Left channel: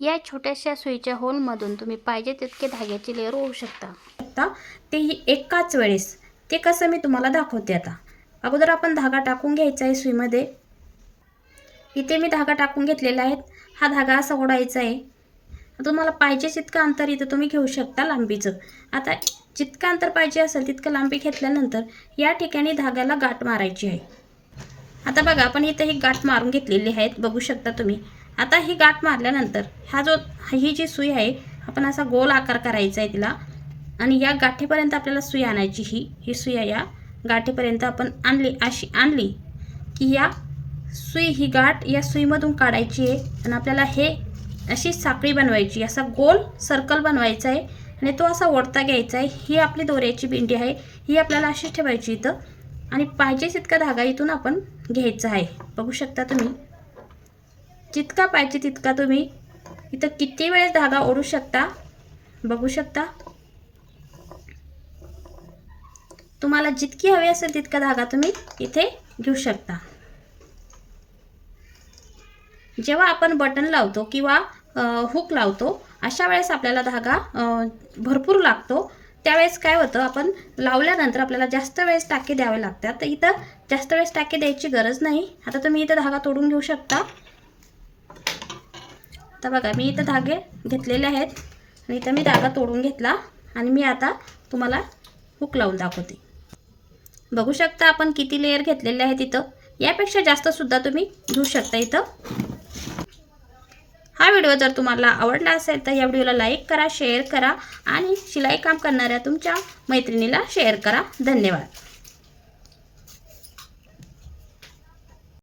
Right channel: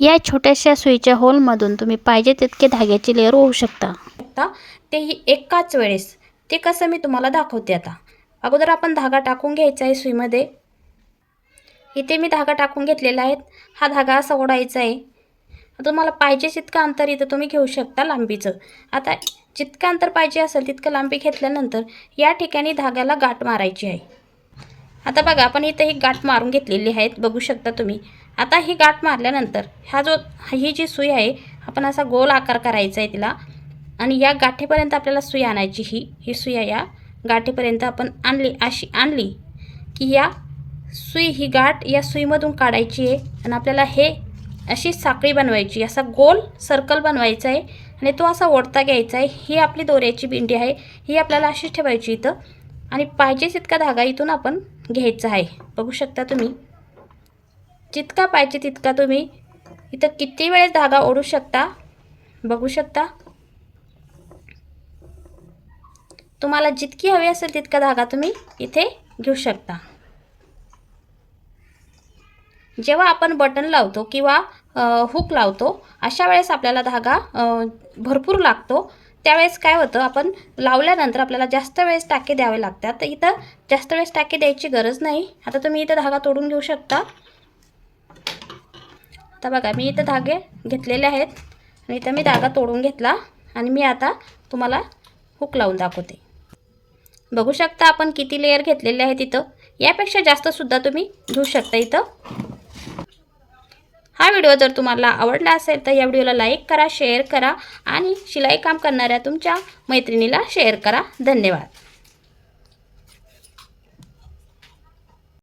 या छोट्याशा सुईच्या होलमधून तुम्ही पाहिजे तितके धाग्याची लेअर होऊ शकता. तेही एकाच वेळेस. ते कसं मी तुम्हाला दाखवते. आता अगोदर आपण धागा टाकून घ्यायचा आहे सुईमध्ये. इथे मी धागा टाकून घेतलेला आहे. हा धागा असा ओढायचा आहे. तुम्हाला पाहिजे तितकं अंतर इथं तुम्ही घेऊ शकता लांबीचं. आता जितकं अंतर पाहिजे असेल तितकं लांबी घेतल्यानंतर या ठिकाणी धाग्याला गाठ मारायची आहे. आता बघा आपण इथं ही गाठ मारून घेतलेली आहे, बघू शकता तुम्ही. आता ही गाठ मारल्यानंतर ही जी सुई आहे आपण असा गोल आकार करायचा आहे तिला आणि या गाठीपर्यंत आपल्याला सुई आणायची. ही सुई आहे, या गाठीपर्यंत आपण अशी आणली की ही गाठ या सुईमधून काढायची आहे आणि आपल्याला अशी साखळी बनवायची, असा गोल सर्कल बनवायचा आहे आणि तो असा ओढता घ्यायचा आहे. ही आपली दोऱ्याची बिंडी आहे, ही आपल्याला अशी ठेवायची इथं आणि पाहिजे तितका धागा इथून आपण घ्यायचा आहे. बघू शकता तुम्ही, जितका पाहिजे तितका तुम्ही इथं किती वेळेस धागा ओढू शकता. बघू शकता, तुम्हाला जितकी हवी असेल तितका धागा तुम्ही इथे घेऊ शकता. जेव्हा आपण बटन लावतो किंवा हुक लावतो अशा वेळेस आपल्याला धागा भरपूर लागतो. त्यावेळेस काय होतं, आपण लावल्यानंतर आपल्याला जास्त वेळेस टाके द्यावे लागतात. तर इथं जास्त वेळेस टाके द्यायची गरज नाही. आता तुम्ही इथं धागा तोडून घेऊ शकता. आता बघा मी इथं धागे घेतलेले आहेत आणि इथं मी धागा तोडून घेतला आणि मी आता तुम्हाला हुक लावून दाखवते. बघू शकता आपण किती लेयर घेतलेले आहेत इथं. यापेक्षा जास्त सुद्धा तुम्ही घेऊ शकता इथं. हा व्हिडिओ जर तुम्हाला आवडला असेल तर या व्हिडिओला लाईक करा, शेअर करा आणि शिलाई काम करणाऱ्या तुमच्या मैत्रिणीला शेअर करा. धन्यवाद.